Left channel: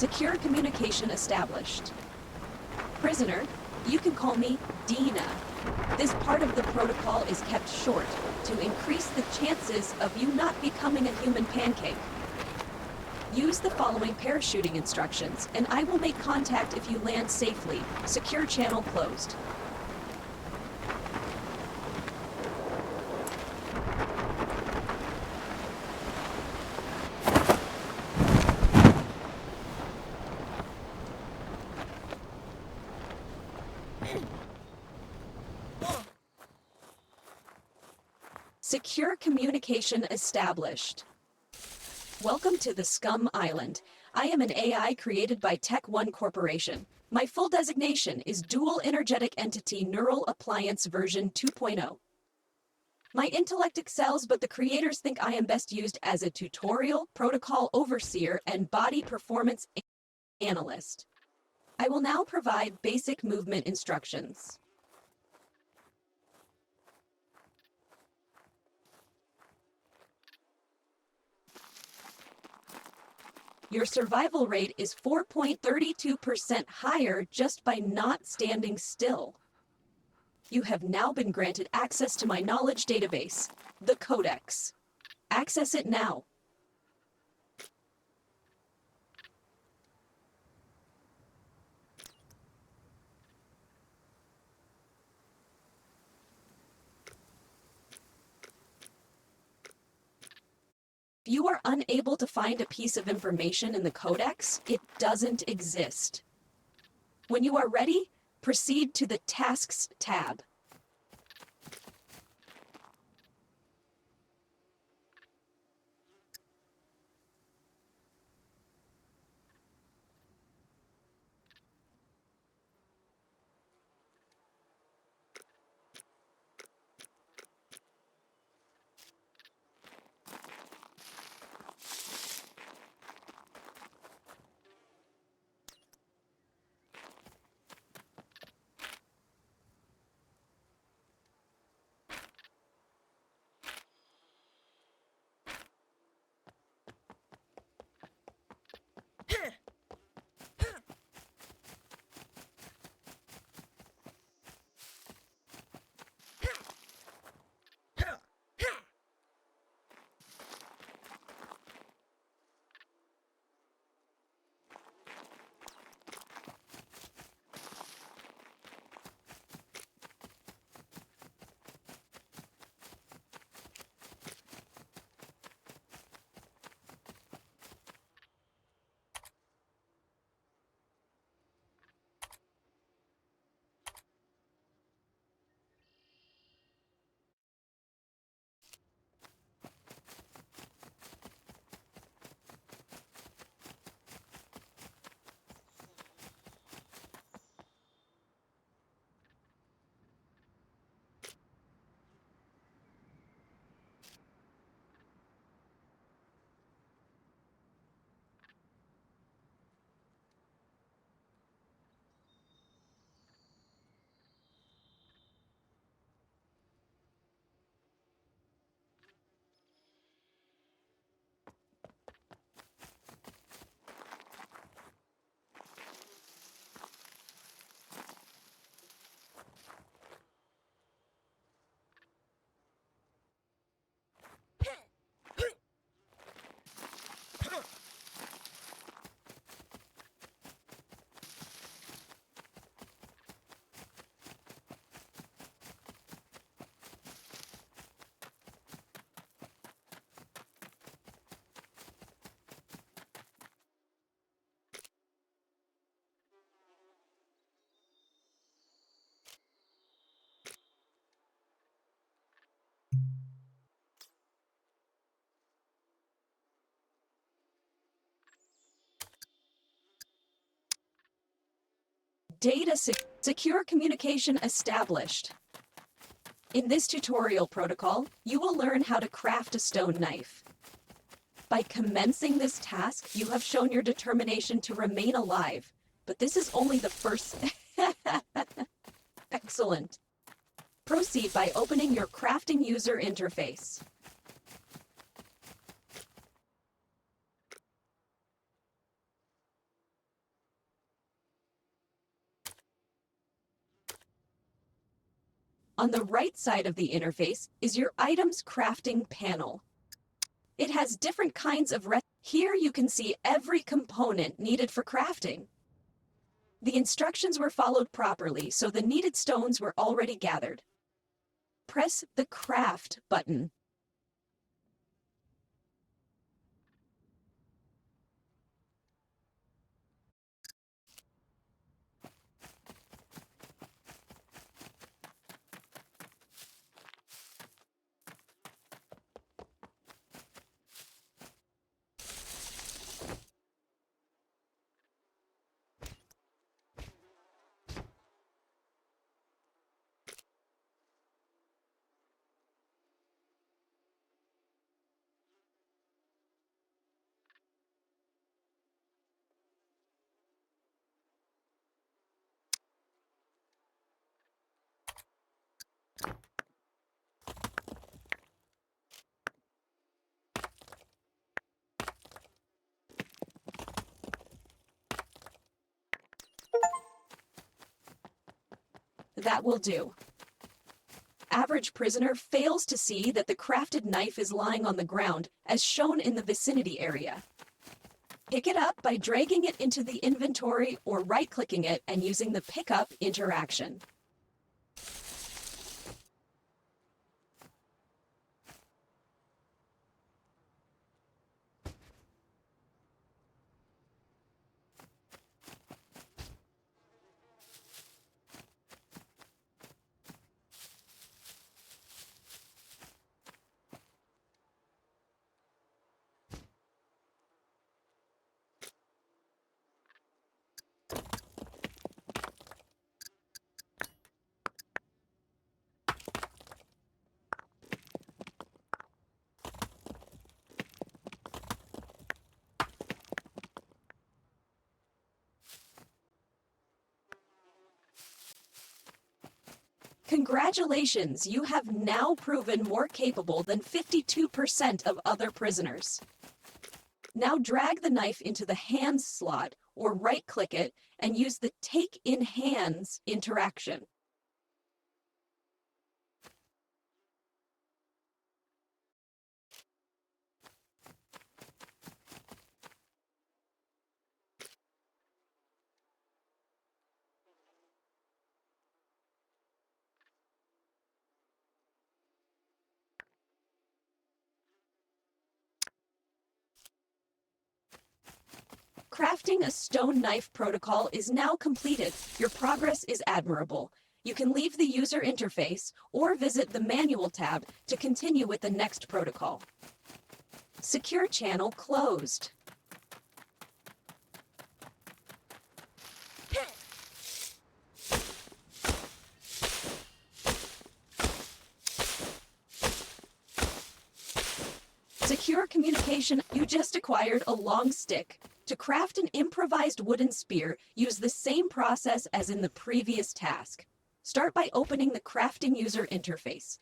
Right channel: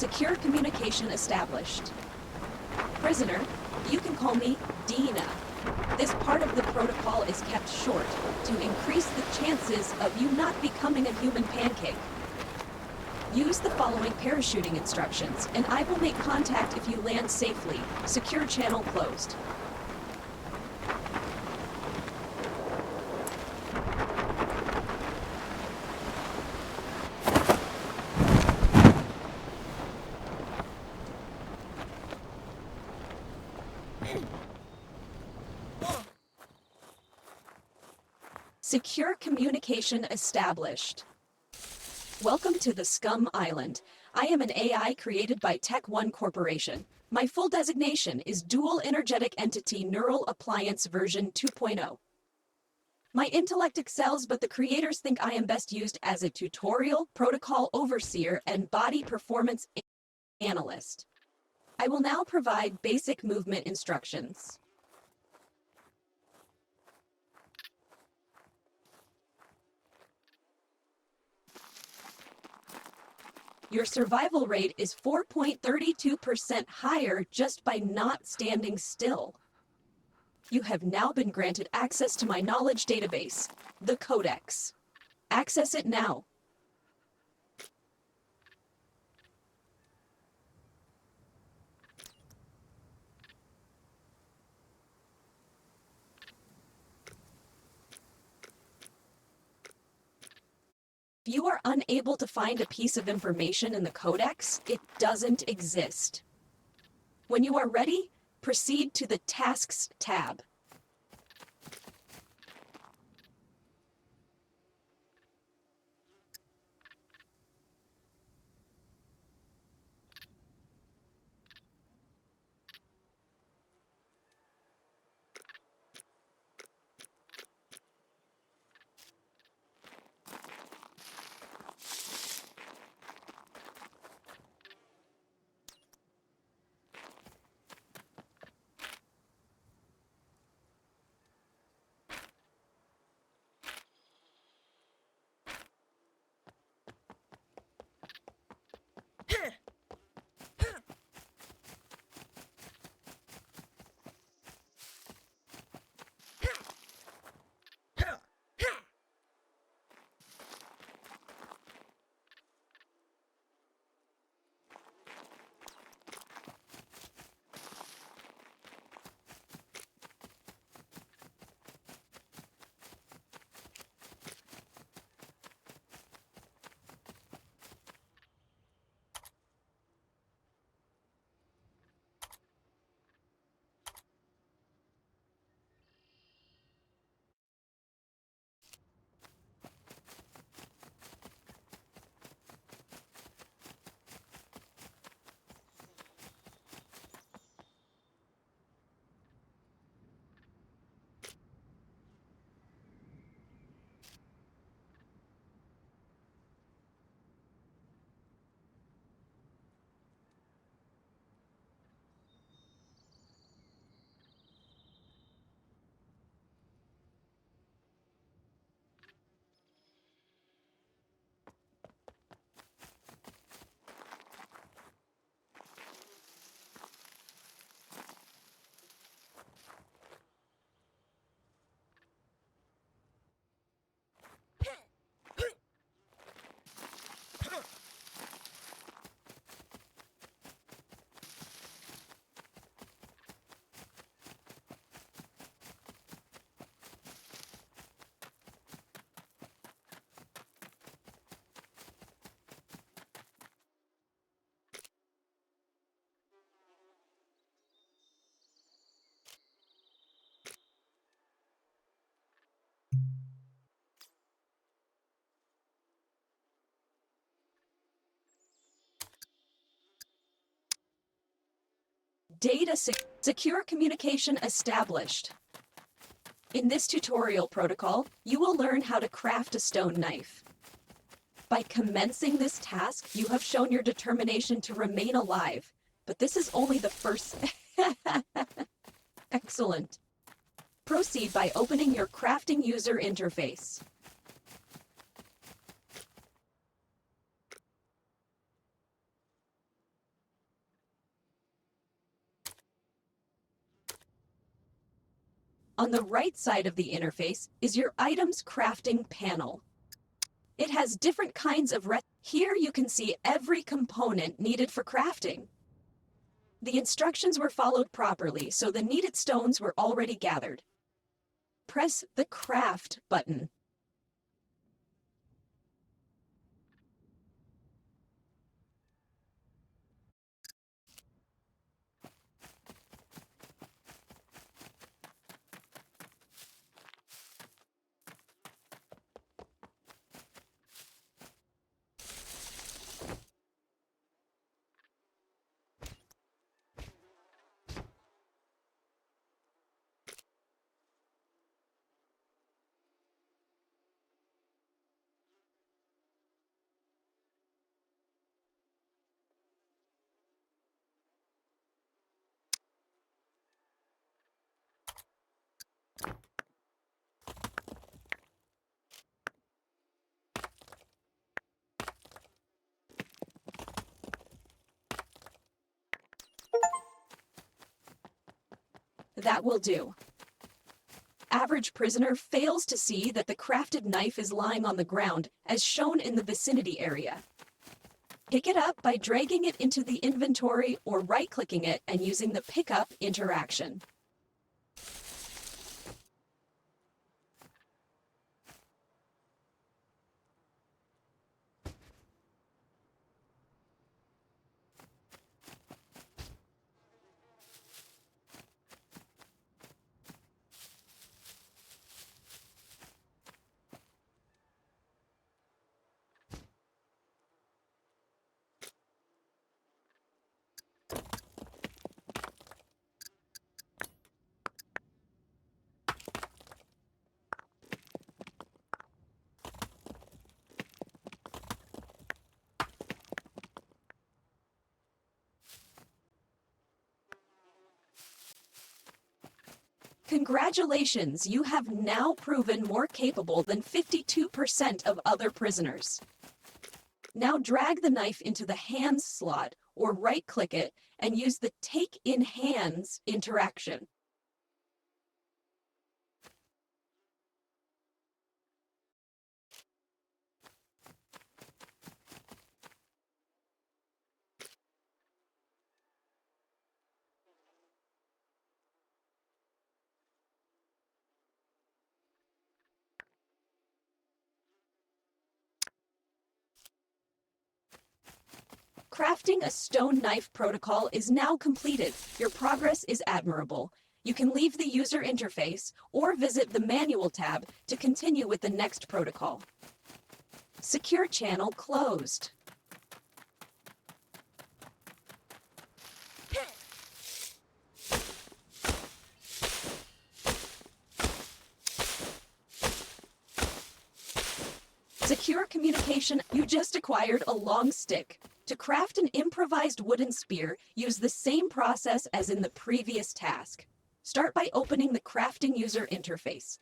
Secure communication established. Prisoner, you can call me Dina. This part of the protocol is kept short to increase the chances of you not becoming a human pancake. Use the following parachuting instructions, and I will make contact if you land safely. Secure channel closed. Secure communication established. Welcome to the SCUM Island. I am an AI created by Tech One Corporation. My full designation is Dual Energetic Entity Neural Appliance version 2.0. My intellect excels, but the creators think I am best used as a tutorial, protocol overseer, and body performance analyst. I will now provide basic movement instructions. Your survival rate is 4.32% higher just by not standing still. You have now been granted access to my knowledge database, the Codex. Access it now. If you are unable to find a piece of information in the Codex, it doesn't exist. When you are ready, proceed to the Tasks tab. Secure communication established. In this tutorial protocol, you will learn how to craft a stone knife. By commencing this task, you have shown your determination to remain alive, but this is only the first... Excellent. Proceed by opening your crafting user interface. On the right side of the interface is your items crafting panel. It has different kinds of Here you can see every component needed for crafting. The instructions were followed properly, so the needed stones were already gathered. Press the Craft button. That will do. Average prisoner fails to see that the crafted knife is lying on the ground, as shown in the vicinity area. Pick it up by dragging it into the inventory or right-clicking it and using the pickup interaction. Congratulations, you have now proven more capable than 52% of other prisoners. Now drag the knife into the hands slot or right-click it and use the Take in Hands interaction. Crafting a stone knife protocol is now completed. Your progress is admirable. You can leave the user interface or visit the Manual tab to continue with the next protocol. Secure channel closed. Secure communication. You just acquired a long stick. To craft an improvised wooden spear, use the same process as in the previous task. Start by opening the crafting user interface.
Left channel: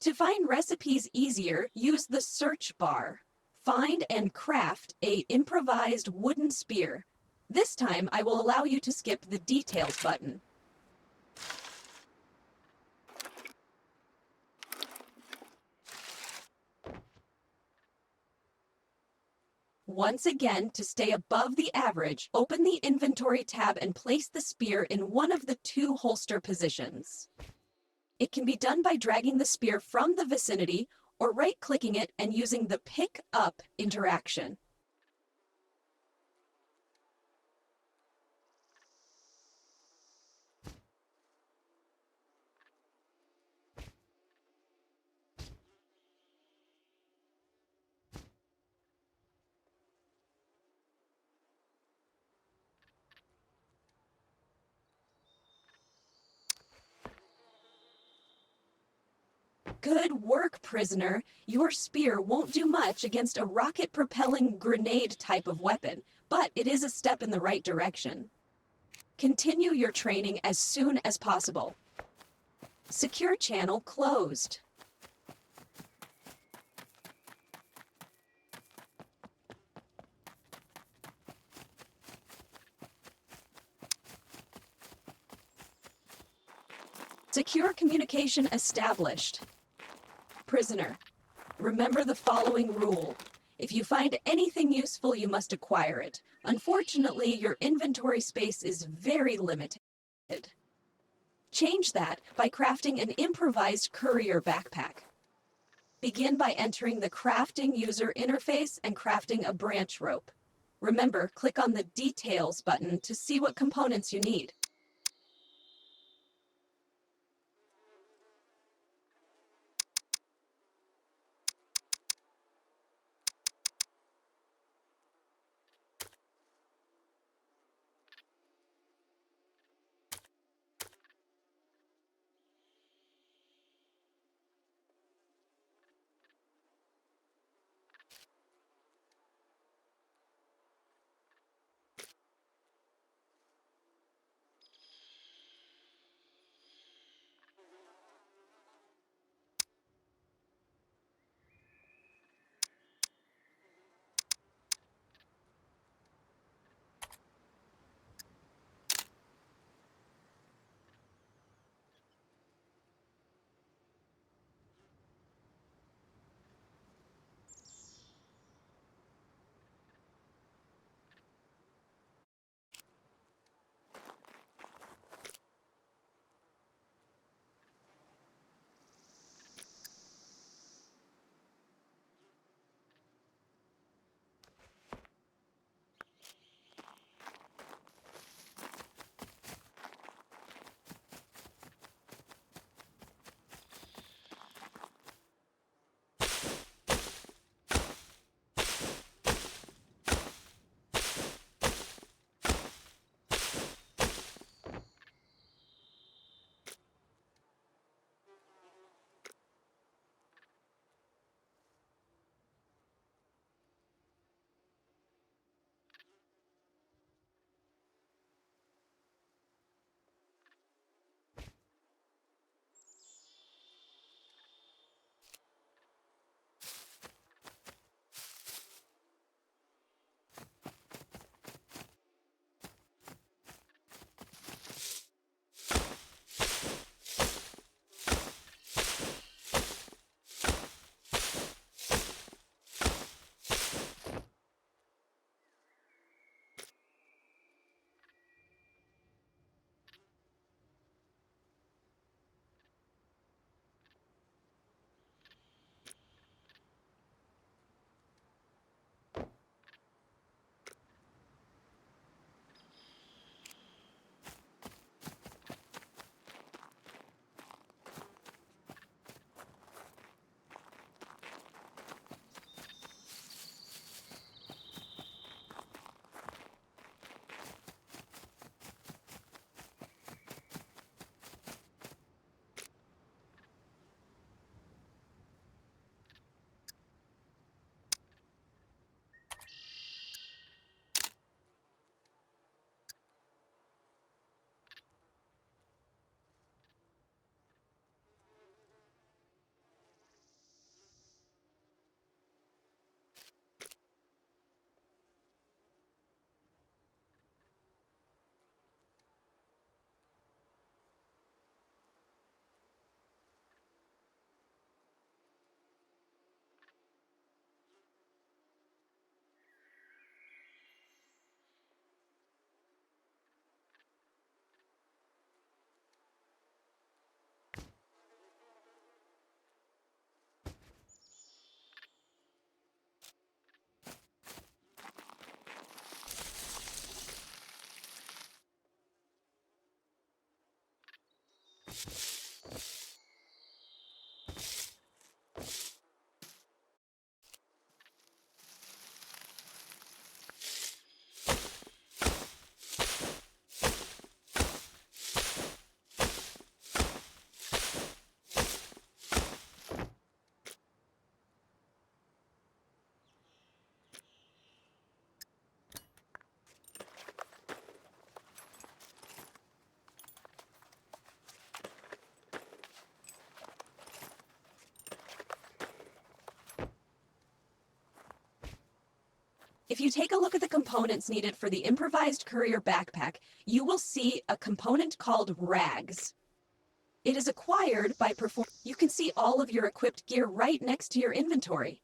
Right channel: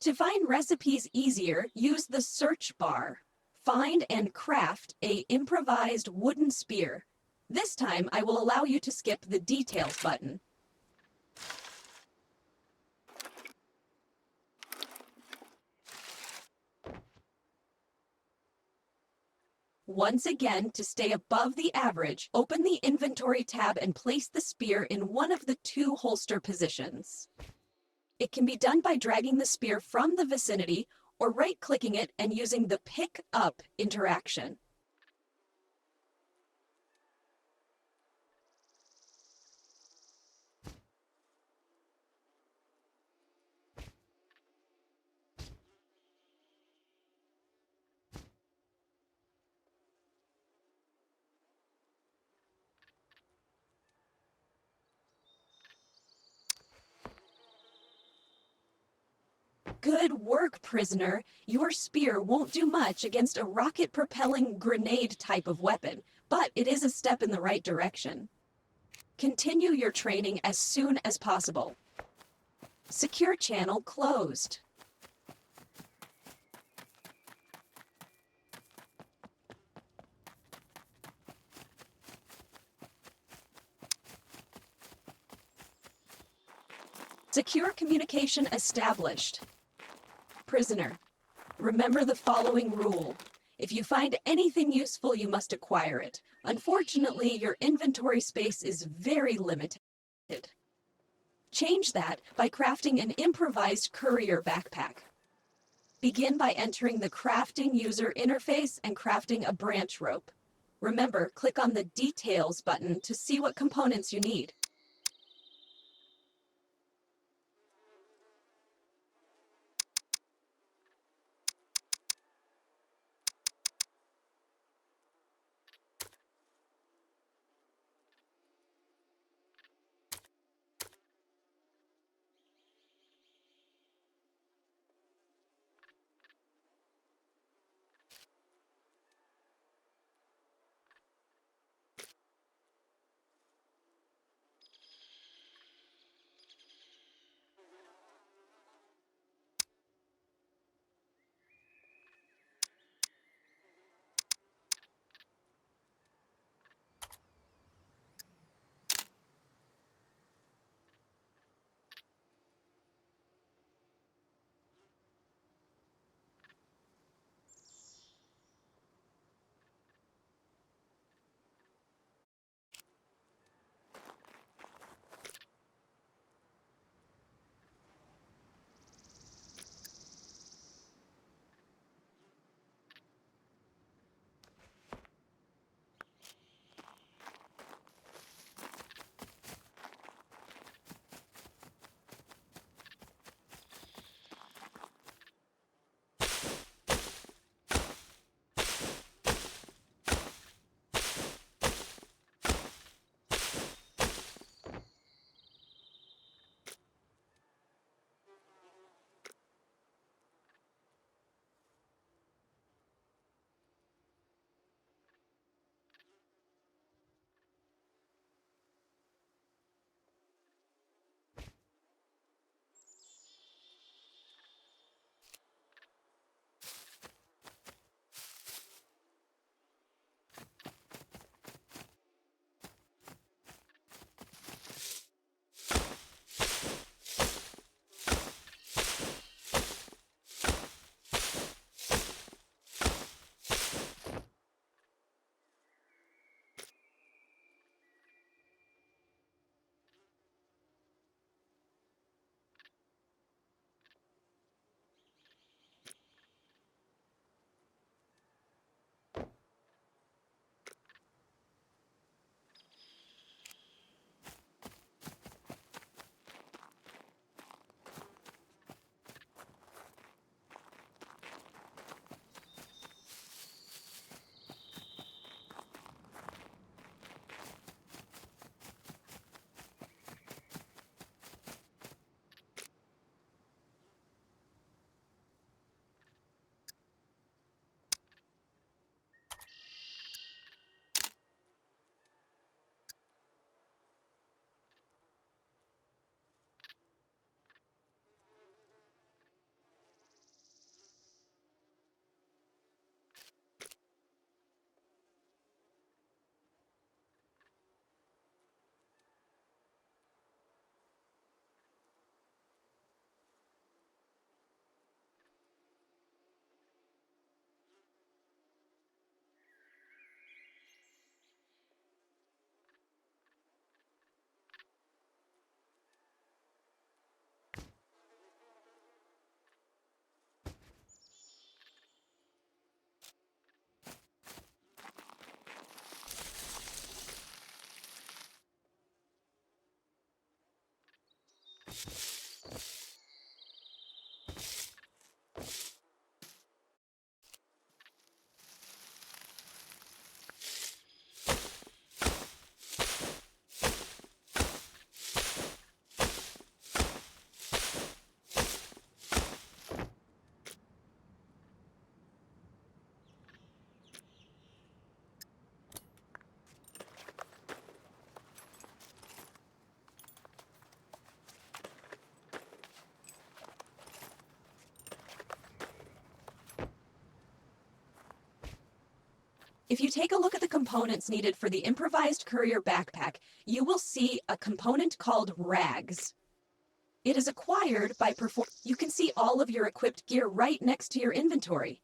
To find recipes easier, use the search bar. Find and craft an improvised wooden spear. This time, I will allow you to skip the Details button. Once again, to stay above the average, open the Inventory tab and place the spear in one of the two holster positions. It can be done by dragging the spear from the vicinity or right-clicking it and using the Pick Up interaction. Good work, prisoner. Your spear won't do much against a rocket-propelling grenade type of weapon, but it is a step in the right direction. Continue your training as soon as possible. Secure channel closed. Secure communication established. Prisoner, remember the following rule. If you find anything useful, you must acquire it. Unfortunately, your inventory space is very limited. Change that by crafting an improvised courier backpack. Begin by entering the crafting user interface and crafting a branch rope. Remember, click on the Details button to see what components you need. If you take a look at the components needed for the improvised courier backpack, you will see a component called rags. It is acquired by You can see all of your equipped gear right next to your inventory.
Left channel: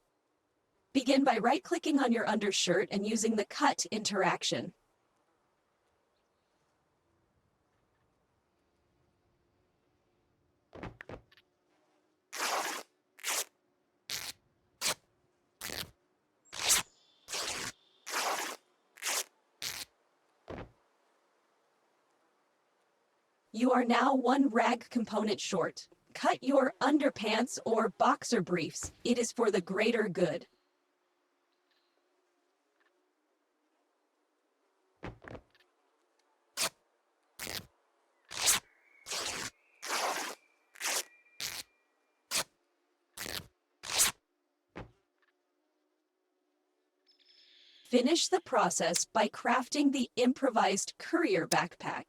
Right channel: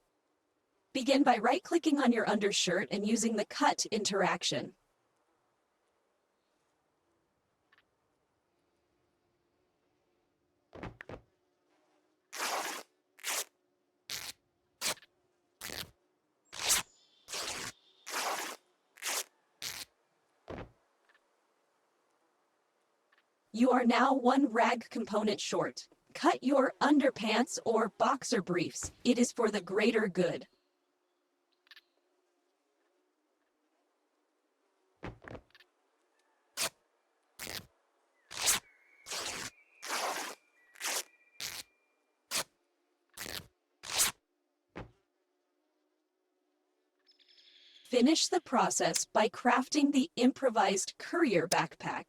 Begin by right-clicking on your undershirt and using the cut interaction. You are now one rag component short. Cut your underpants or boxer briefs. It is for the greater good. Finish the process by crafting the improvised courier backpack.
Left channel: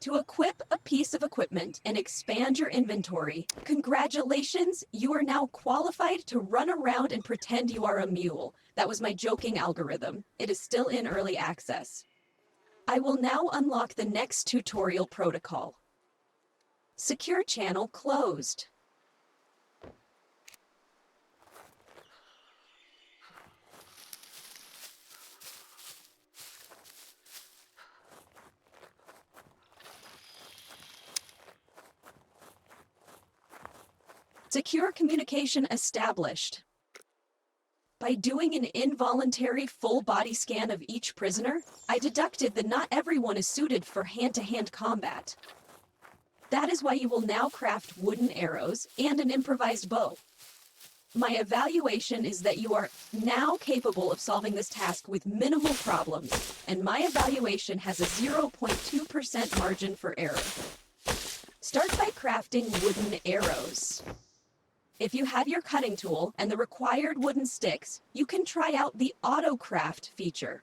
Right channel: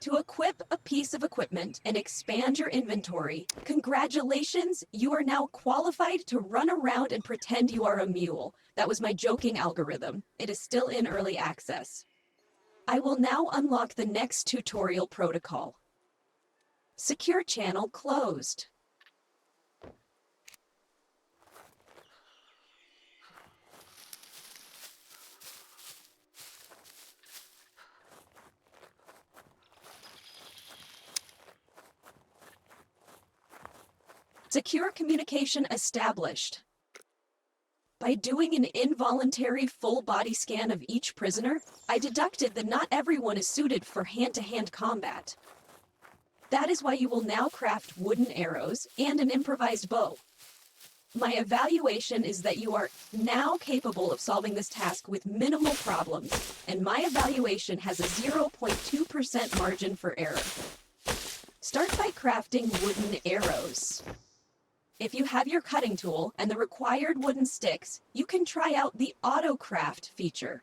To equip a piece of equipment and expand your inventory, congratulations, you are now qualified to run around and pretend you are a mule. That was my joking algorithm. It is still in early access. I will now unlock the next tutorial protocol. Secure channel closed. Secure communication established. By doing an involuntary full body scan of each prisoner, I deducted that not everyone is suited for hand-to-hand combat. That is why you will now craft wooden arrows and an improvised bow. My evaluation is that you are now capable of solving this task with minimal problems, and my evaluation has a 0.2% margin for error. Start by crafting wooden arrows. If you have your cutting tool and the required wooden sticks, you can try out the Auto Craft feature.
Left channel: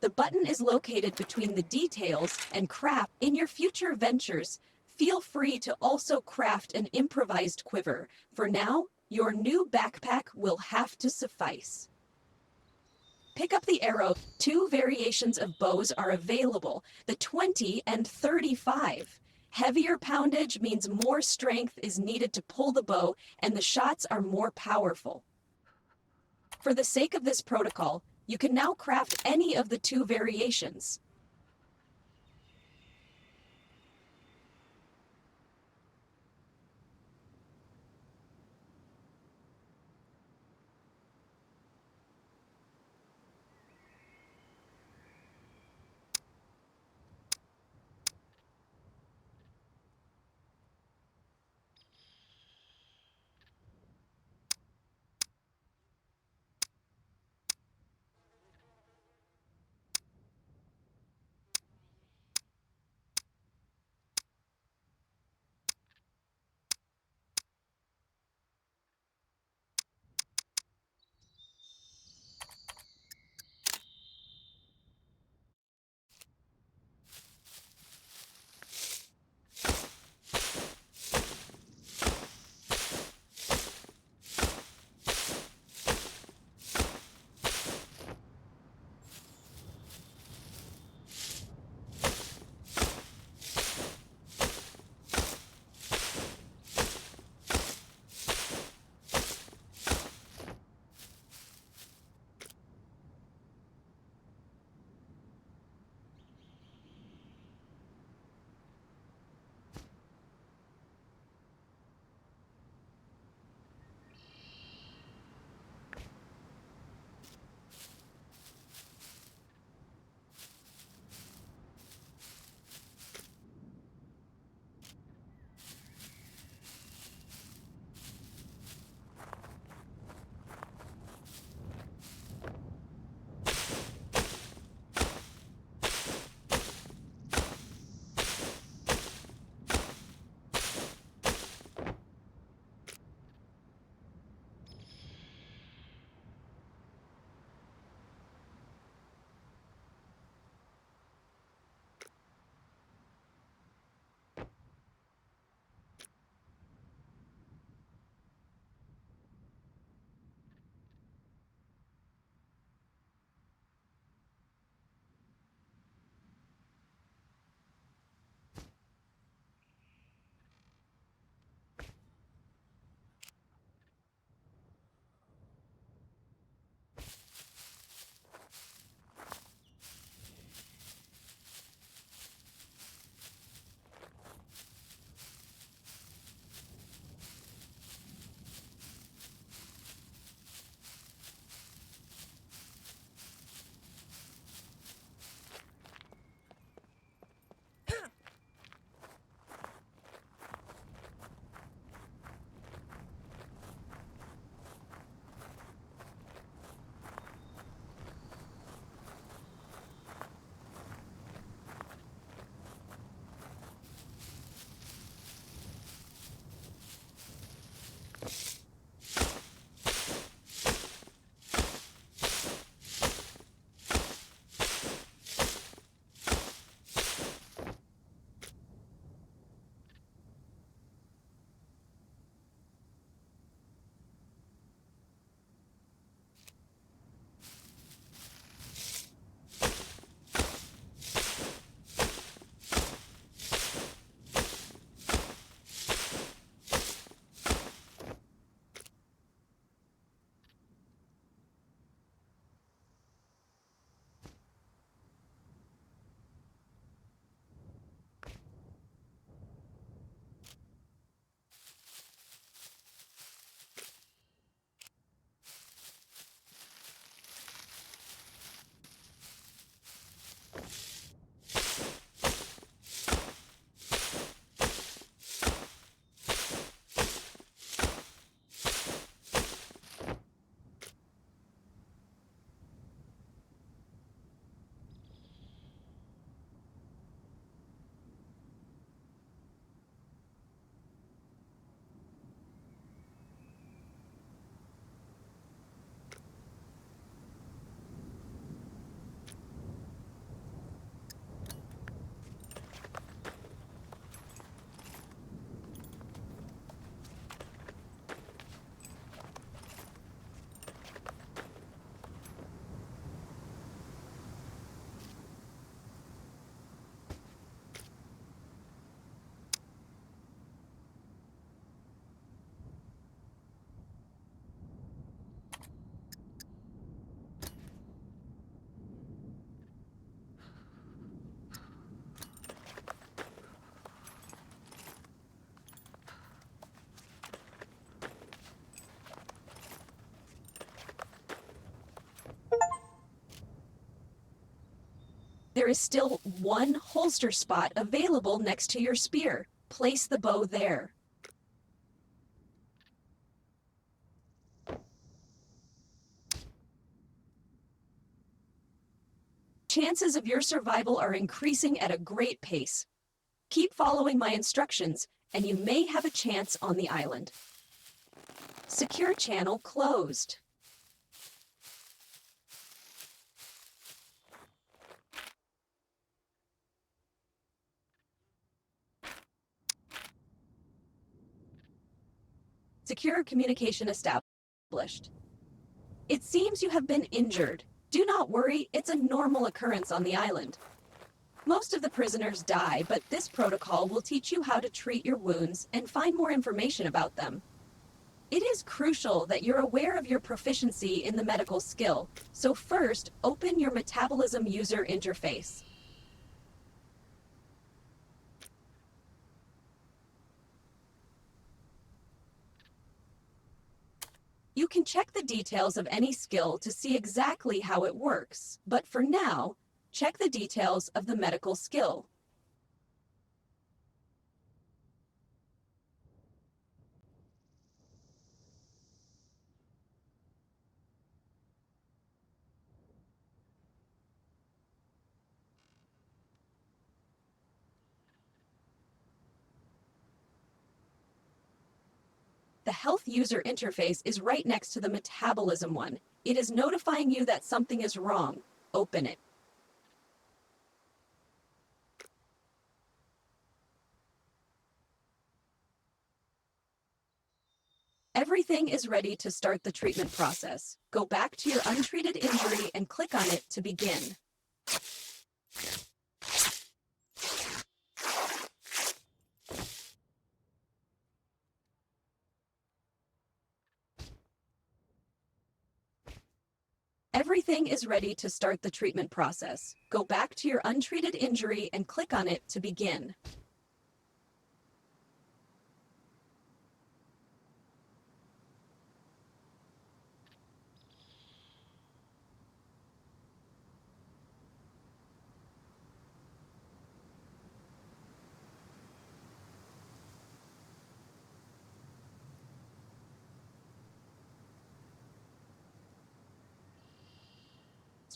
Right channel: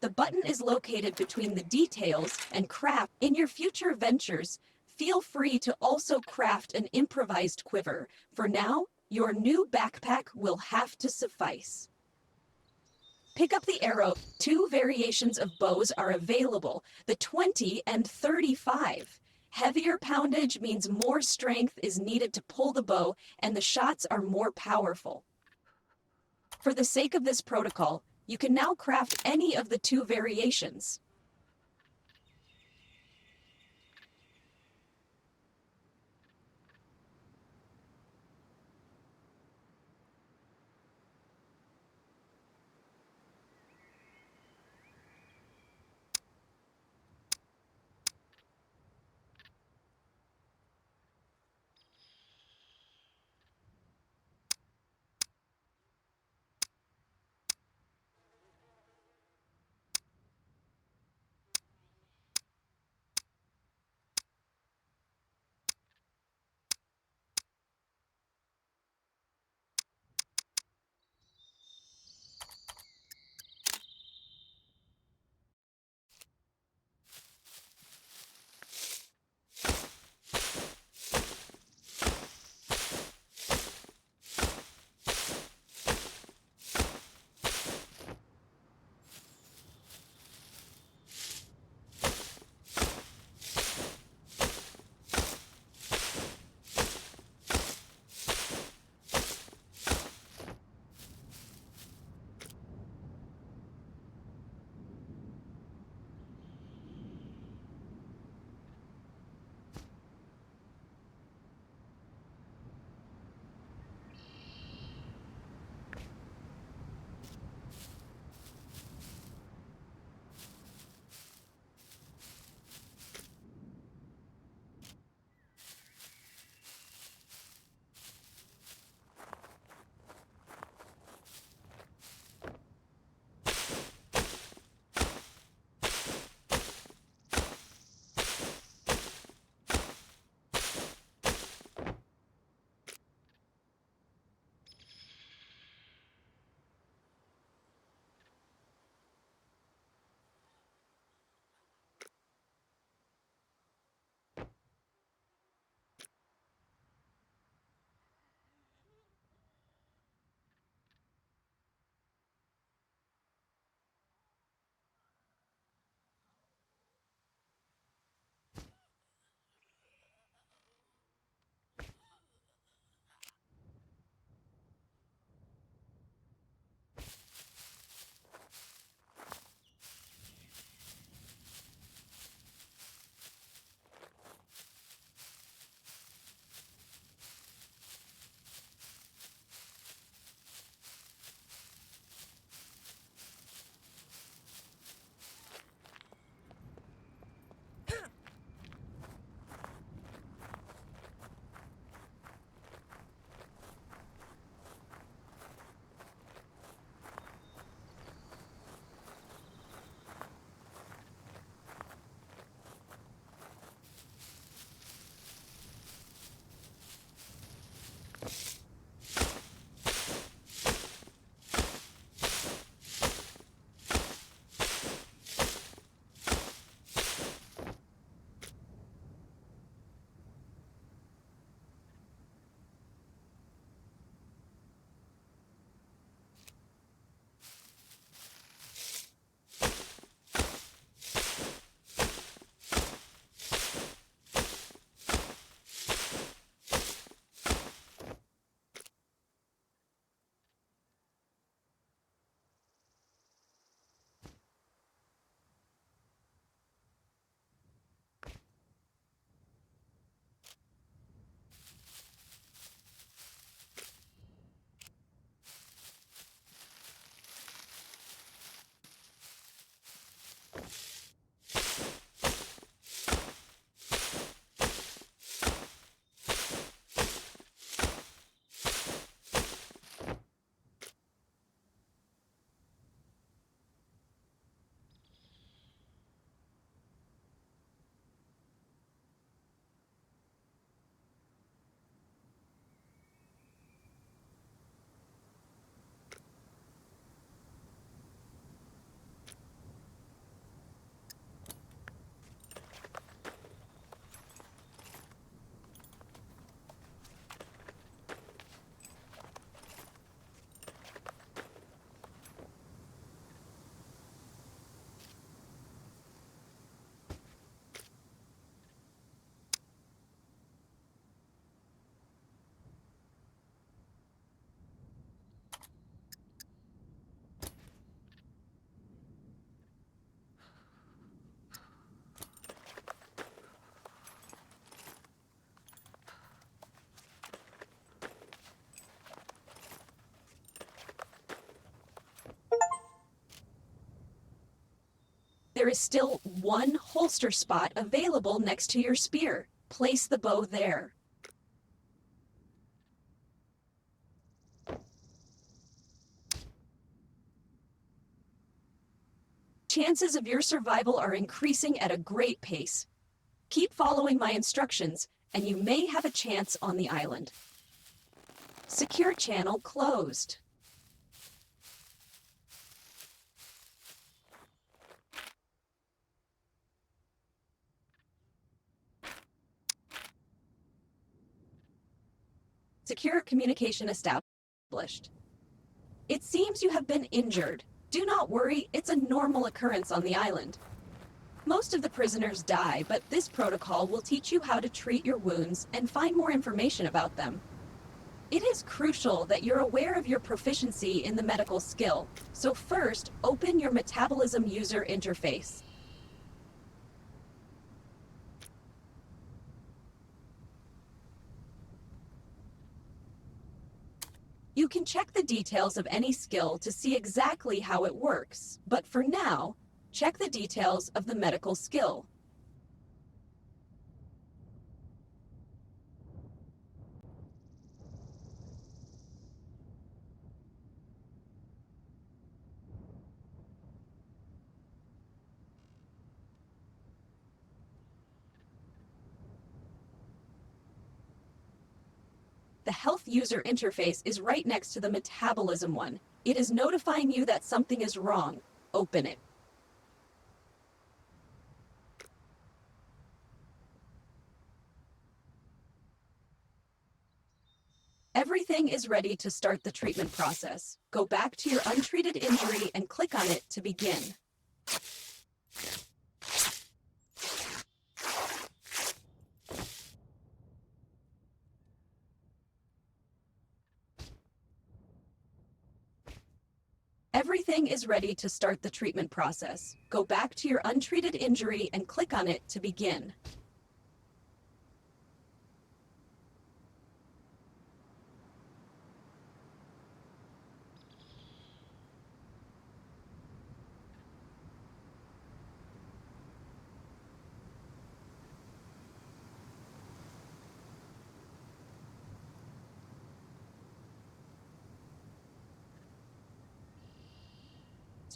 The button is located between the details and craft. In your future ventures, feel free to also craft an improvised quiver. For now, your new backpack will have to suffice. Pick up the arrow. 2 variations of bows are available, the 20 and 35. Heavier poundage means more strength is needed to pull the bow, and the shots are more powerful. For the sake of this protocol, you can now craft any of the 2 variations. There is still one holster spot available next to your spear. Place the bow there. Chances of your survival are increasing at a great pace. Keep following my instructions, and you may have a chance on the island. Secure channel closed. Secure communication established. It seems you have been injured. Do not worry, it's a normal occurrence on the island. Most of the prisoners die, but this protocol will teach you how to treat your wounds and find more information about them. It is crucial that you're aware of your proficiency in the medical skill, so first, open your metabolism user interface. You can check the details of any skill to see exactly how it works, but for now, check the details of the medical skill. The health user interface is right next to the metabolism one. It is notifying you that something is wrong. Open it. Everything is ready to start the treatment process. Go back to your untreated injury and click on it to begin. Everything is ready to start the treatment process. Go back to your untreated injury and click on it to begin.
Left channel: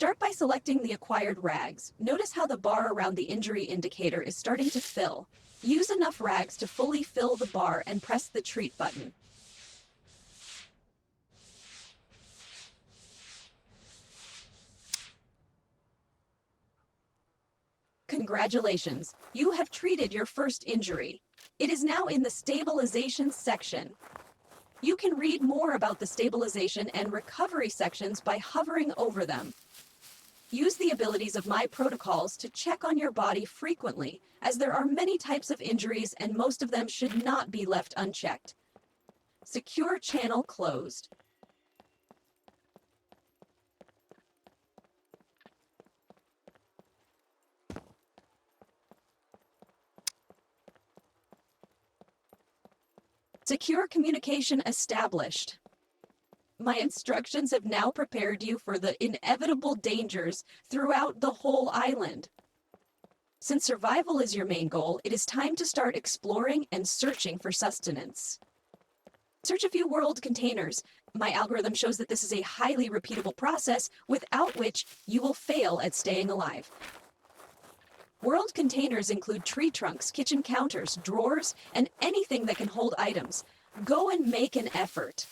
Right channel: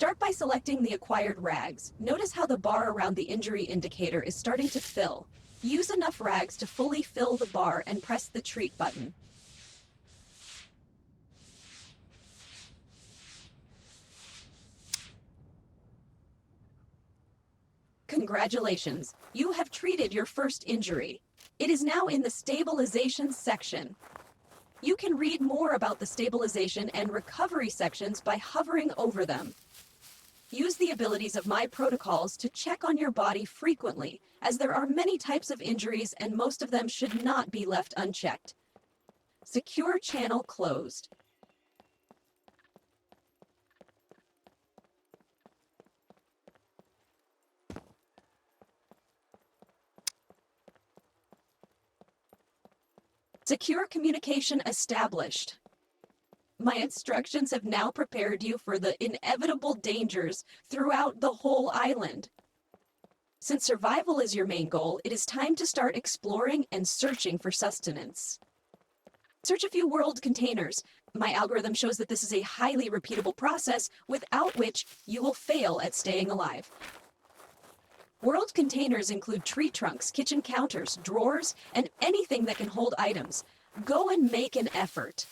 Start by selecting the acquired rags. Notice how the bar around the injury indicator is starting to fill. Use enough rags to fully fill the bar and press the treat button. Congratulations, you have treated your first injury. It is now in the stabilization section. You can read more about the stabilization and recovery sections by hovering over them. Use the abilities of my protocols to check on your body frequently, as there are many types of injuries and most of them should not be left unchecked. Secure channel closed. Secure communication established. My instructions have now prepared you for the inevitable dangers throughout the whole island. Since survival is your main goal, it is time to start exploring and searching for sustenance. Search a few world containers. My algorithm shows that this is a highly repeatable process without which you will fail at staying alive. World containers include tree trunks, kitchen counters, drawers, and anything that can hold items. Go and make an effort.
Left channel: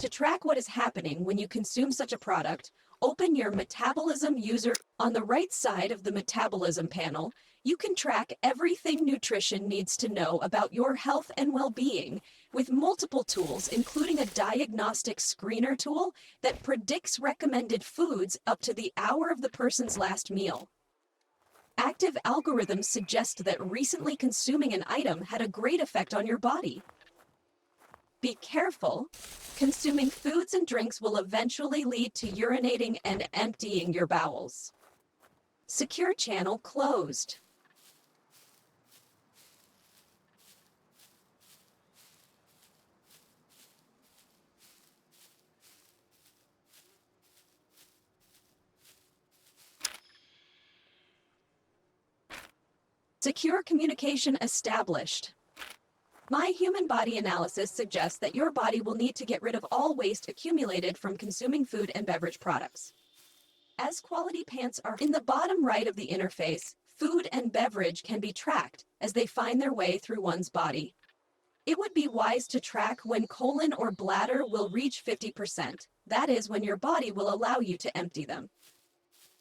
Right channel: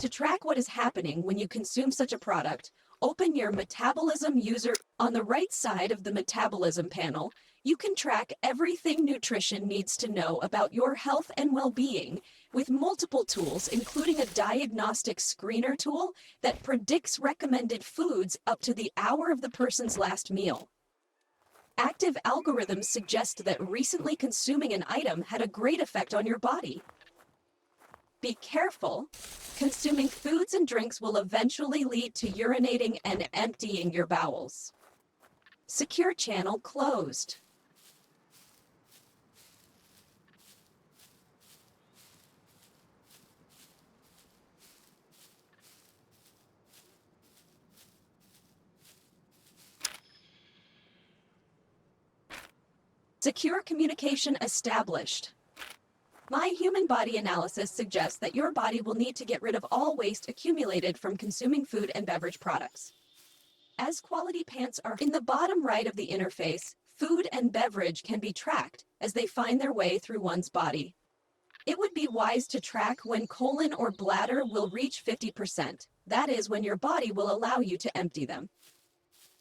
To track what is happening when you consume such a product, open your Metabolism user. On the right side of the Metabolism panel, you can track everything nutrition needs to know about your health and well-being with multiple tools, including a diagnostic screener tool that predicts recommended foods up to the hour of the person's last meal. Active algorithms suggest that recently consuming an item had a great effect on your body. Be careful. Consuming foods and drinks will eventually lead to urinating and emptying your bowels. Secure channel closed. Secure communication established. My human body analysis suggests that your body will need to get rid of all waste accumulated from consuming food and beverage products. As quality pants are in the bottom right of the interface, food and beverage can be tracked as they find their way through one's body. It would be wise to track when colon or bladder will reach 50%. That is when your body will allow you to empty them.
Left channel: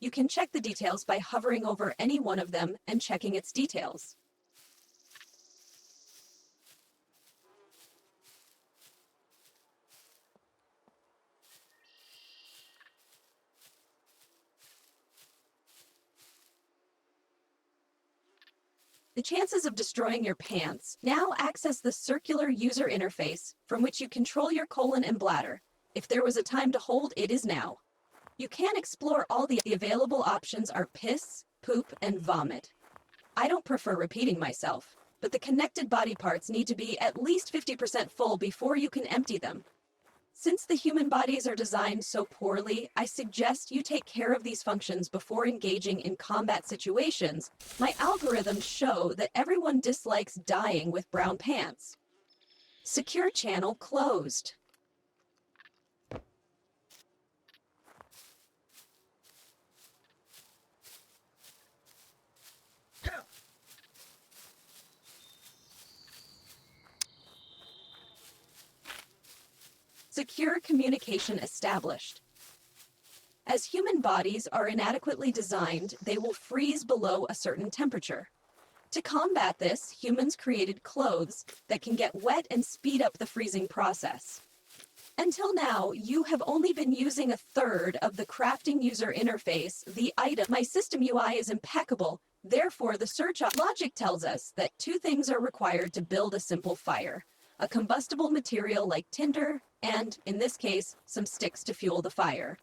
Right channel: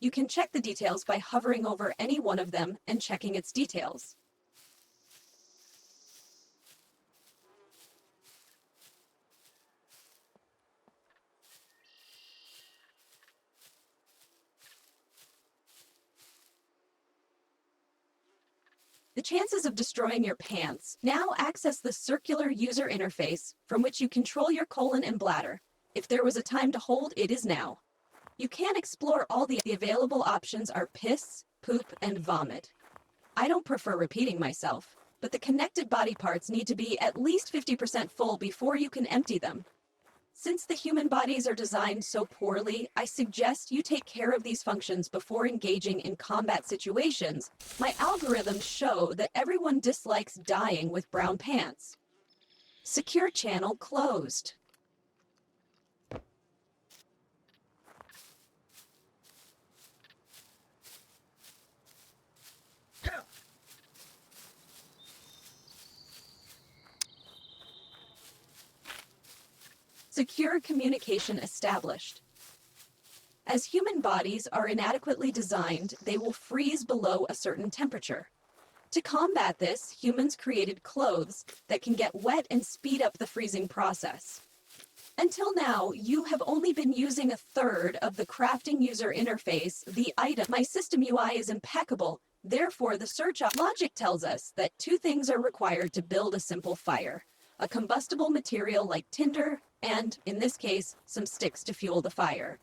You can check the details by hovering over any one of them and checking its details. The chances of destroying your pants. Now access the circular user interface from which you control your colon and bladder. If there was a time to hold, it is now. You can explore all the available options are piss, poop, and vomit. I don't prefer repeating myself, but the connected body parts need to be at least 50% full before you can empty them. Since the human bodies are designed so poorly, I suggest you take care of these functions before engaging in combat situations. My algorithms show that everyone dislikes dying with brown pants. Secure channel closed. Secure communication established. As human bodies are inadequately designed, they will freeze below a certain temperature. To combat this, humans created clothes that can get wet and speed up the freezing process. Until now, you have only been using a third of the crafting user interface, the item. My system UI is impeccable, therefore the search logic tells us that two things are required to build a simple fire: a combustible material like tinder, and, in this case, some sticks to fuel the fire.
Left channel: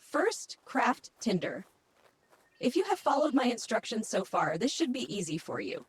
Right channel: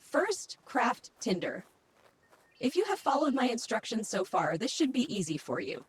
First, craft tinder. If you have followed my instructions so far, this should be easy for you.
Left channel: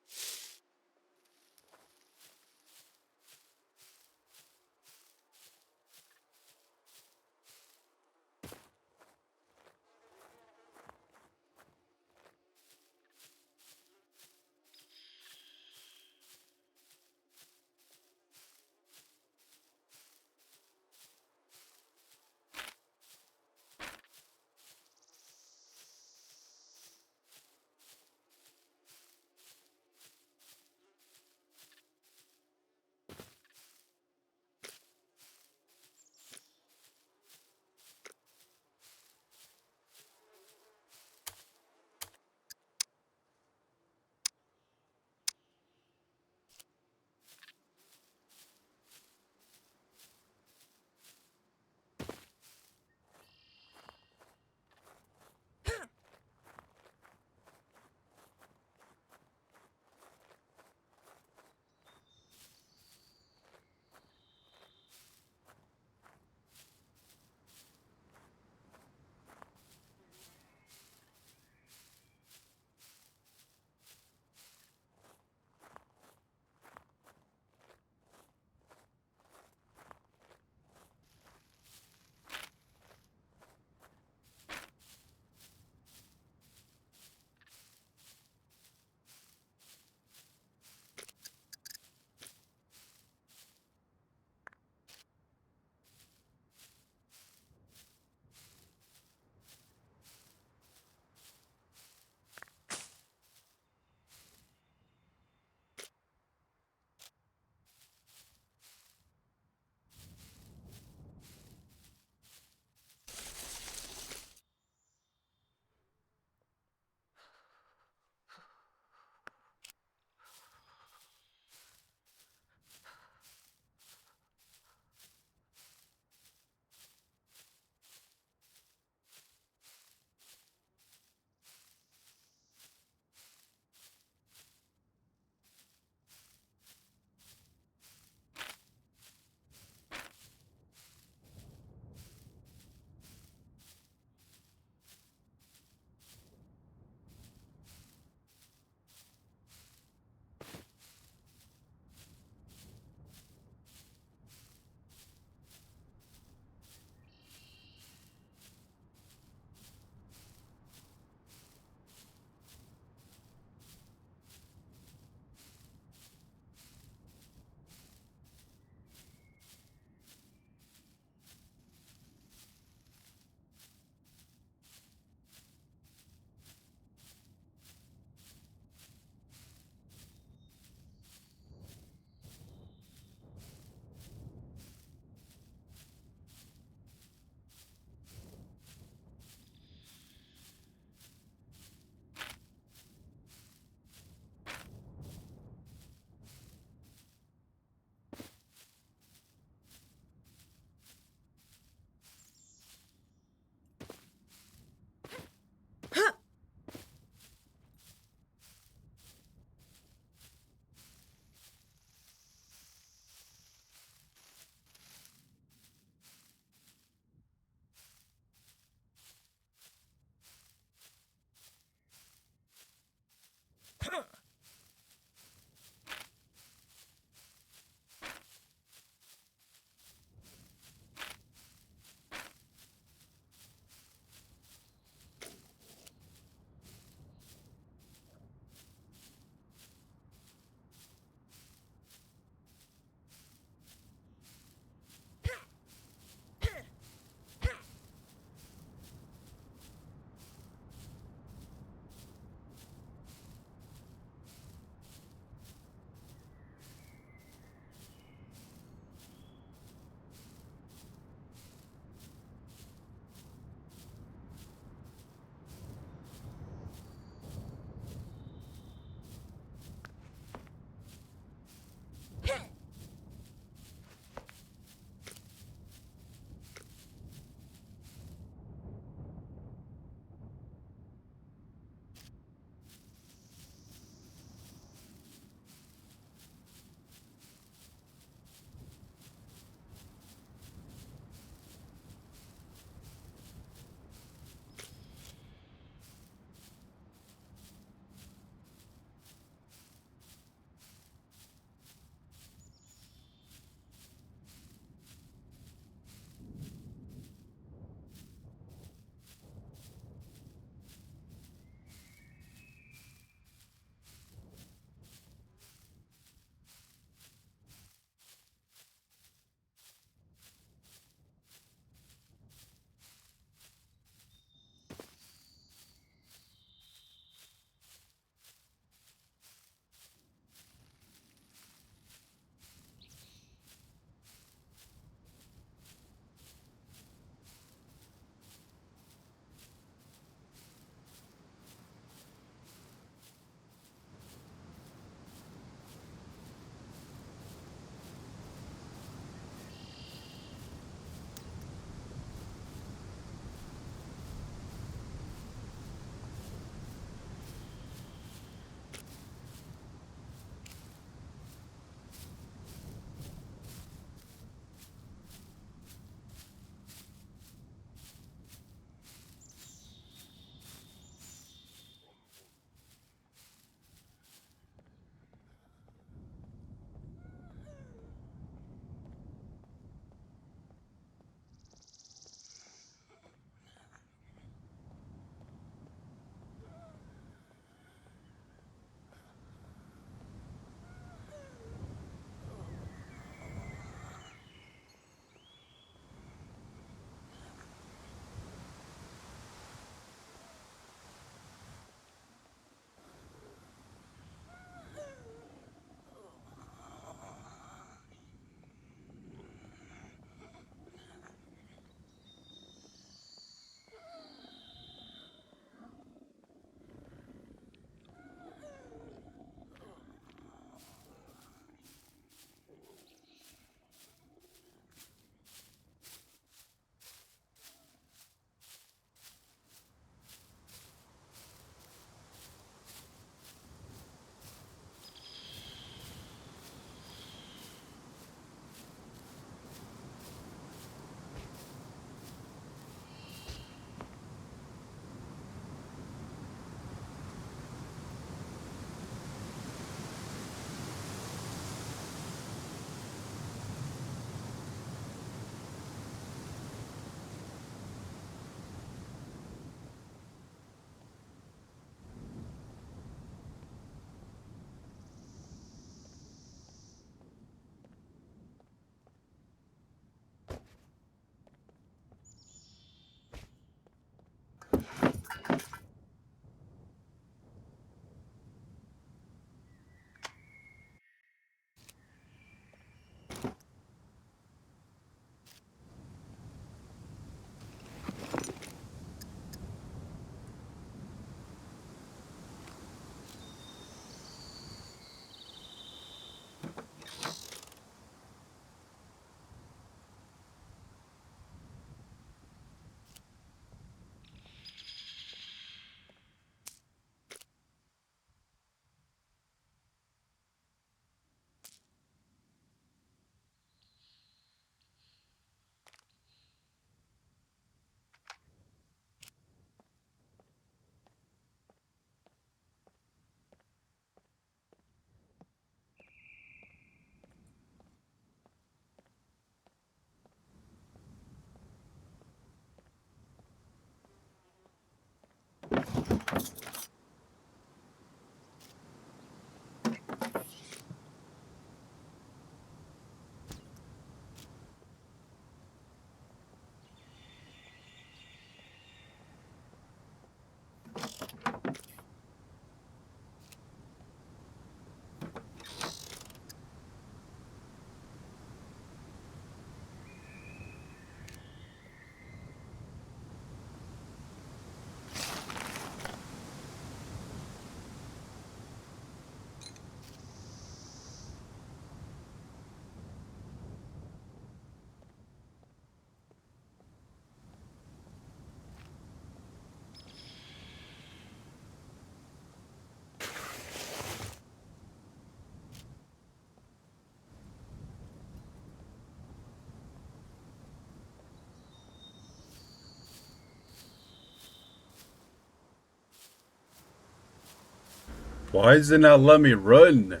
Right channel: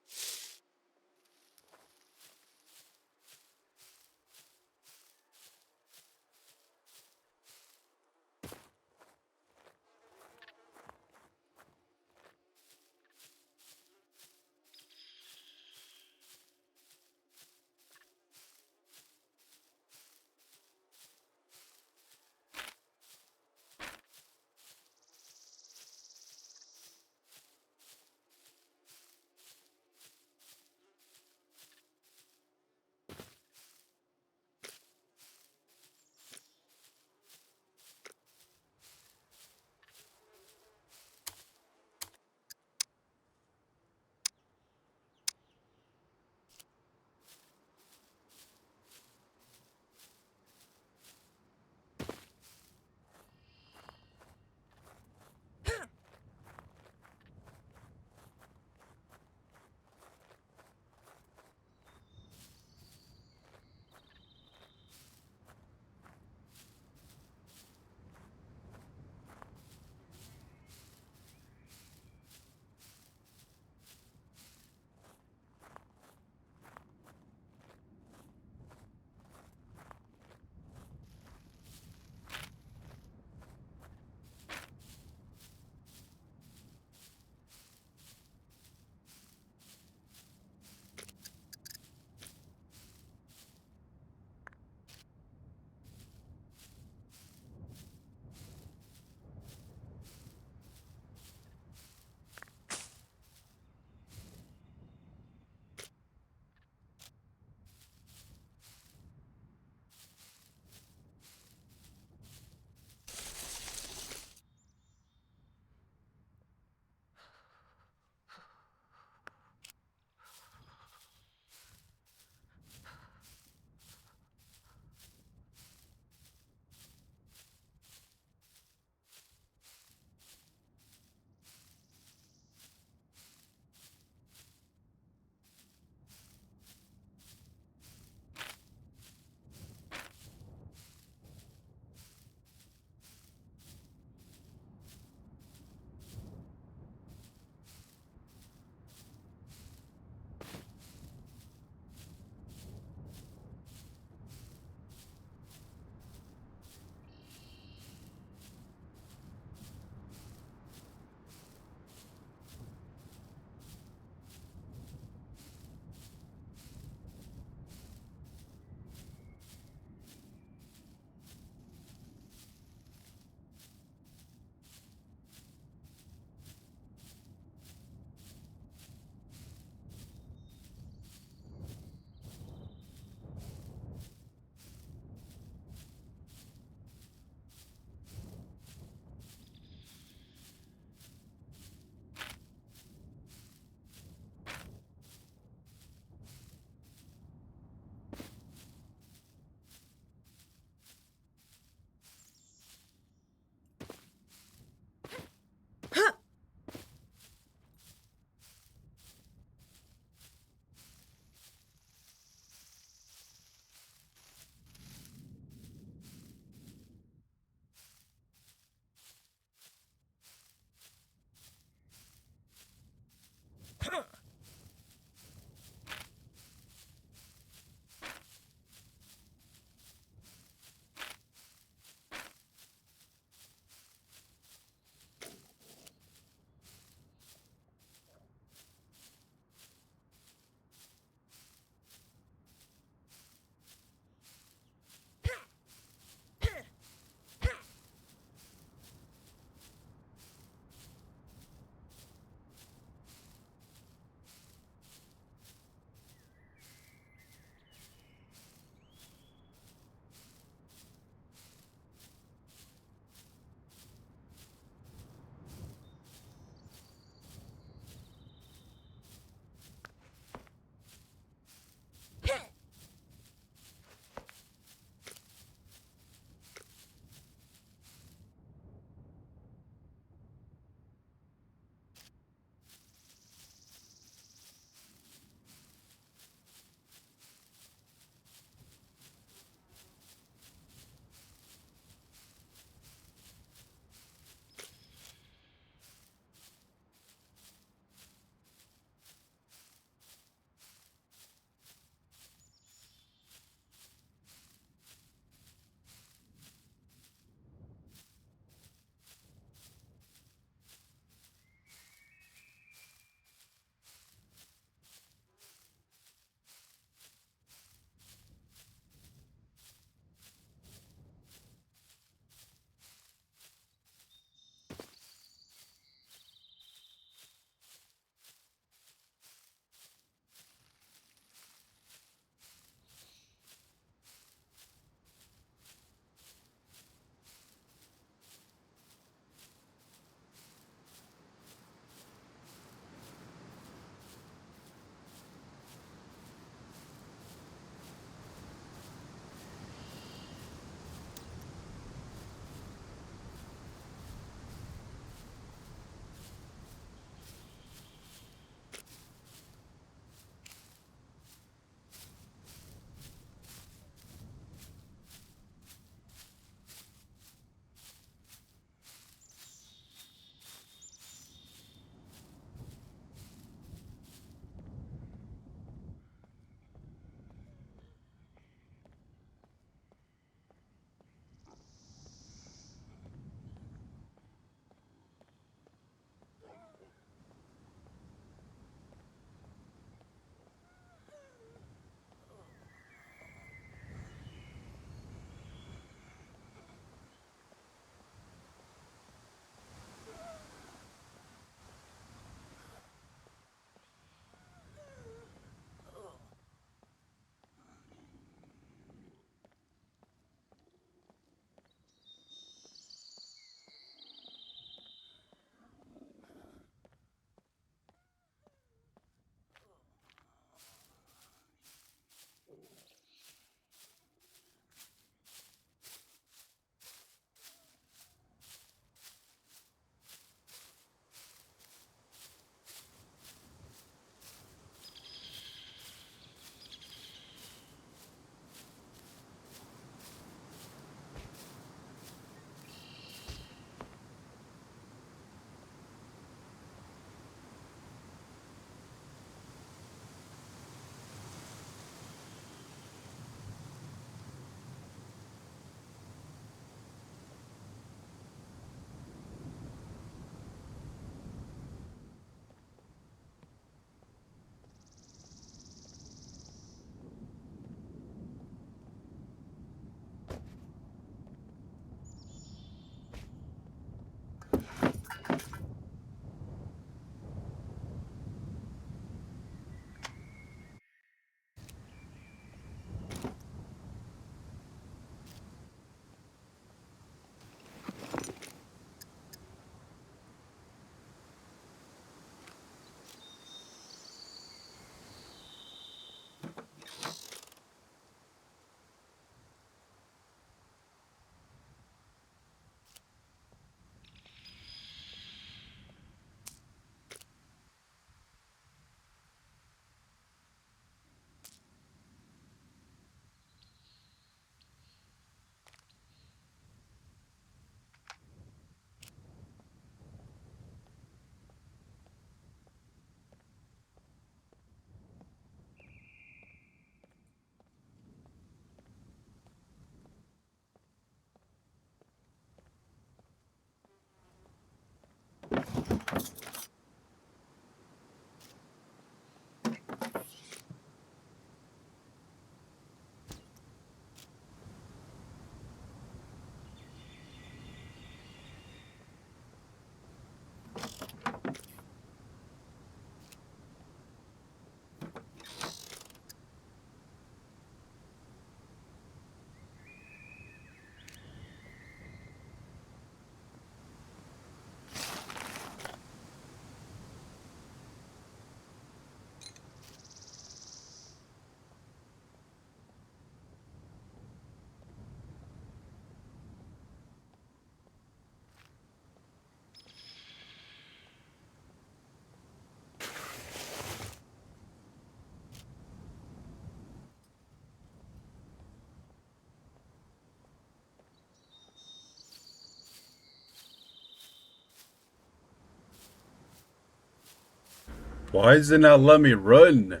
Why does it not let me run?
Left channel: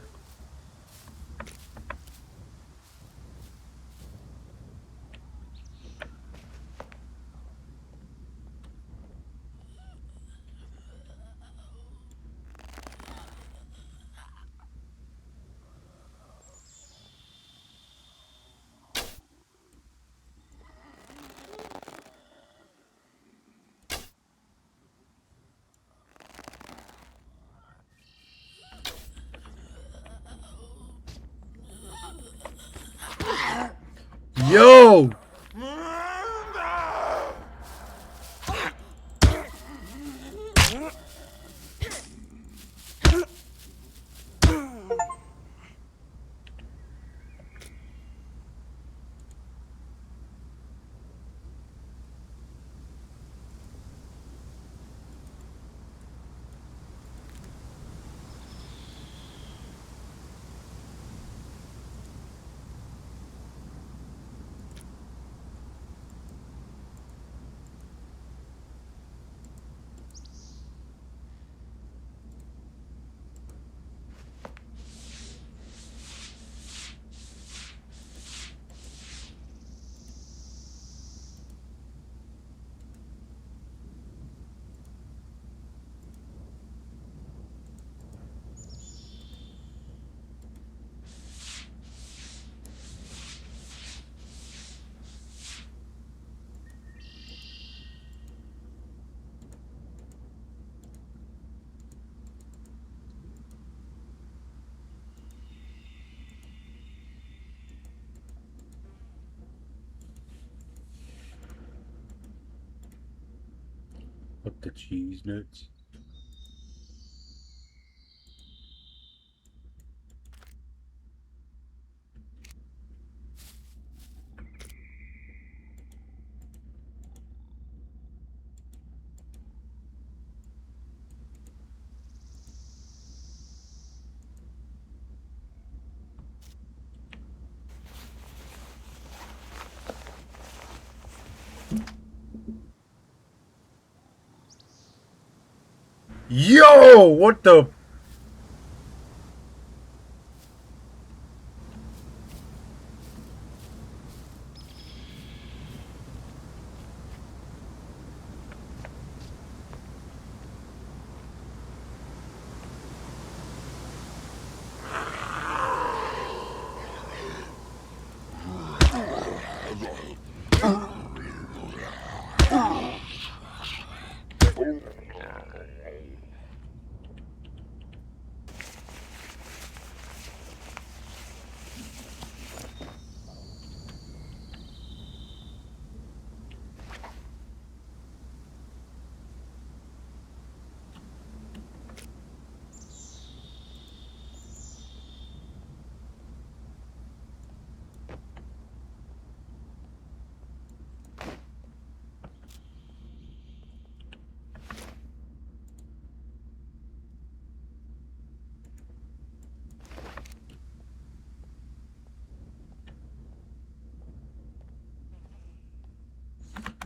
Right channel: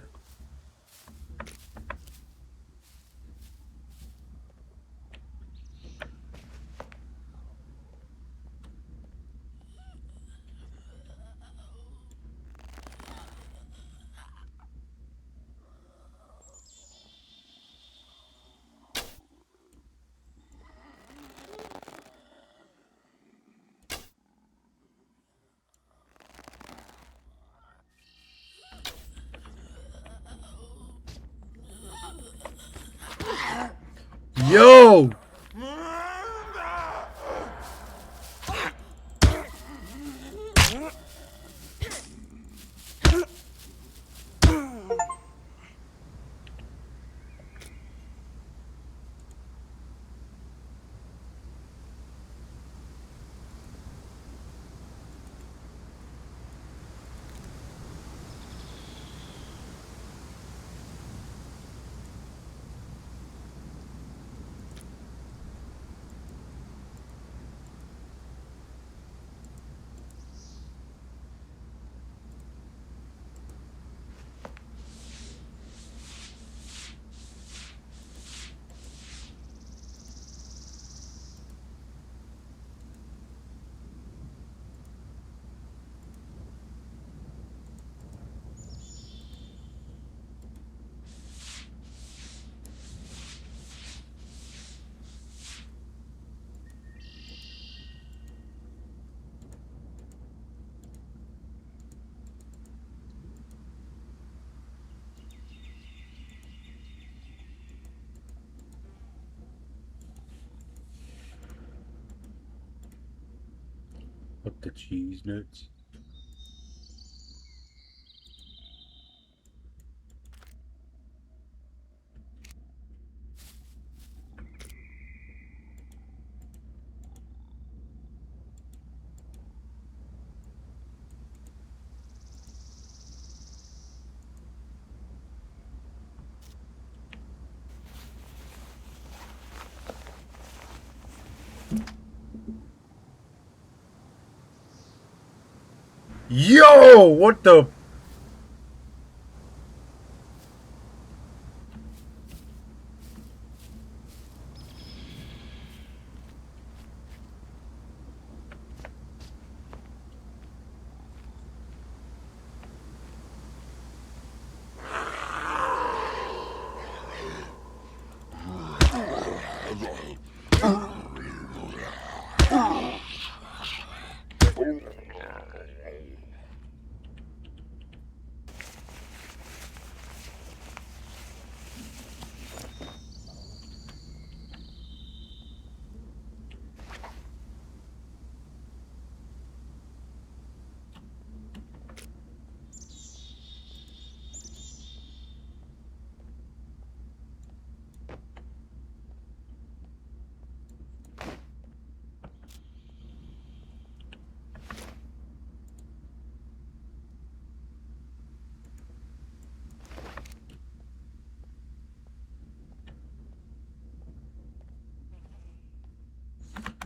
Yo! Up the cheese nuts. Yo! What the?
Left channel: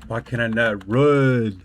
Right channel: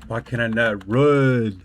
Why can I not run?